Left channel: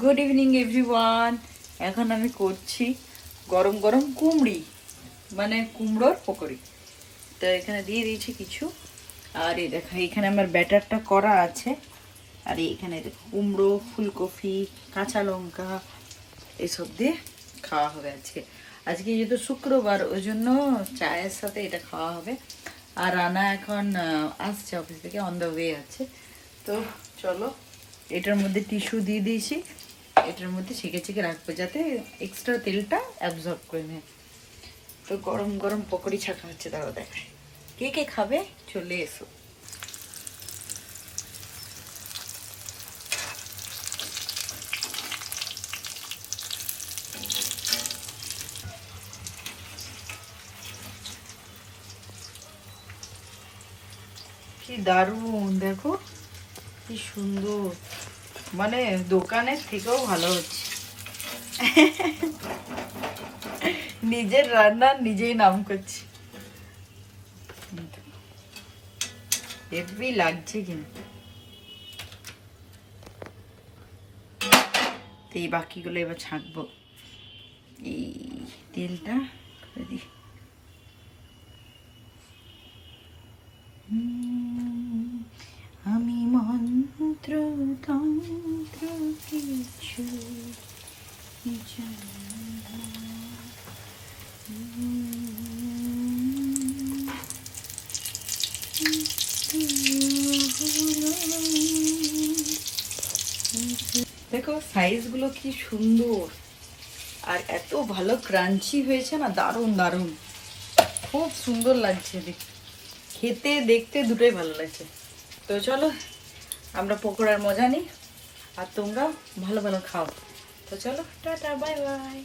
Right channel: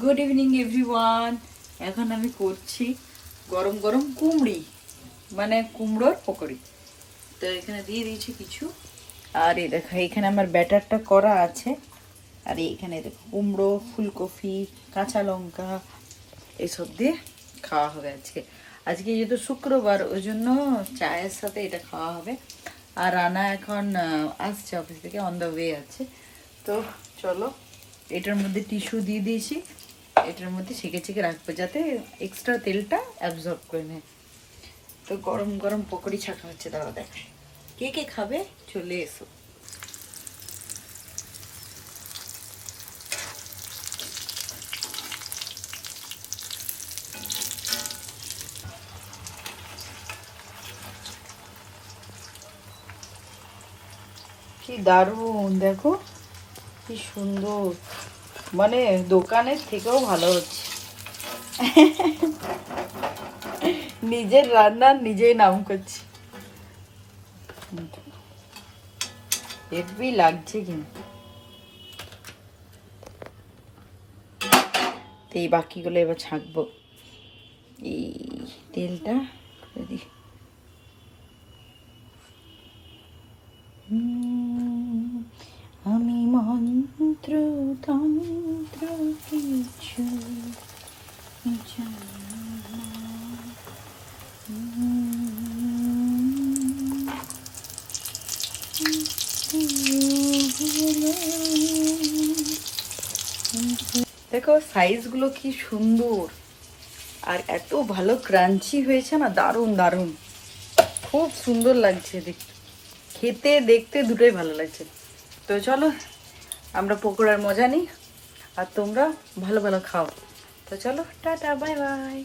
Good evening everyone. এখন আমি করছি গরম গরম কুমড়ি, মানে কুমড়োর পকোড়ি। তো এখানে দিয়ে দিয়েছি কিছু, আর এই দেখো এখানে আমার ব্যাটারটা করা আছে। আর এখানে দেখো কুমড়ো, ফুলকপি, কাঁচা লঙ্কা এসব দিয়ে খাওয়া হবে আজকে। আজকে যেহেতু শুক্রবার, ওই জন্য চায়ের সাথে এটা খাওয়া হবে। আর রানা এখন আসছে অফিস থেকে, অন দ্য ওয়ে আছে। তো চলো, এটার মধ্যে টিস্যু দিয়ে দিয়েছি, এটার মধ্যে ছেঁকে ছেঁকে রাখবো যাতে এক্সট্রা তেলটা অ্যাবজর্ব করে নেয়। তো গরম গরম পকোড়ি ছাকা হচ্ছে, তারা দেখায়। কে কে খাবে চলে এসো। কি দারুণ, দেখো কি সুন্দর, মানে দোকানের থেকেও ভালো হচ্ছে। নিজের রান্নার নিজেই নাম করছি। হেভি লাগছে কিন্তু। এই বাকিগুলো এবার ছাঁকবো। এই তেলটা দিই। আমি মন্ত্র তন্ত্র কিছু দেখো সাইজগুলো কি সুন্দর, আর এত ভালো ক্রাঞ্চি হয়েছে না, দারুণ দারুণ, খুব সুন্দর লাগছে দেখতে, খেতে দেখতে দুটোই ভালো লাগছে। তো চলো আমরা পকোড়ার মজা নিই, আর তোমরা ভালো ভালো খাও। তো চলো, টাটা, বাই বাই।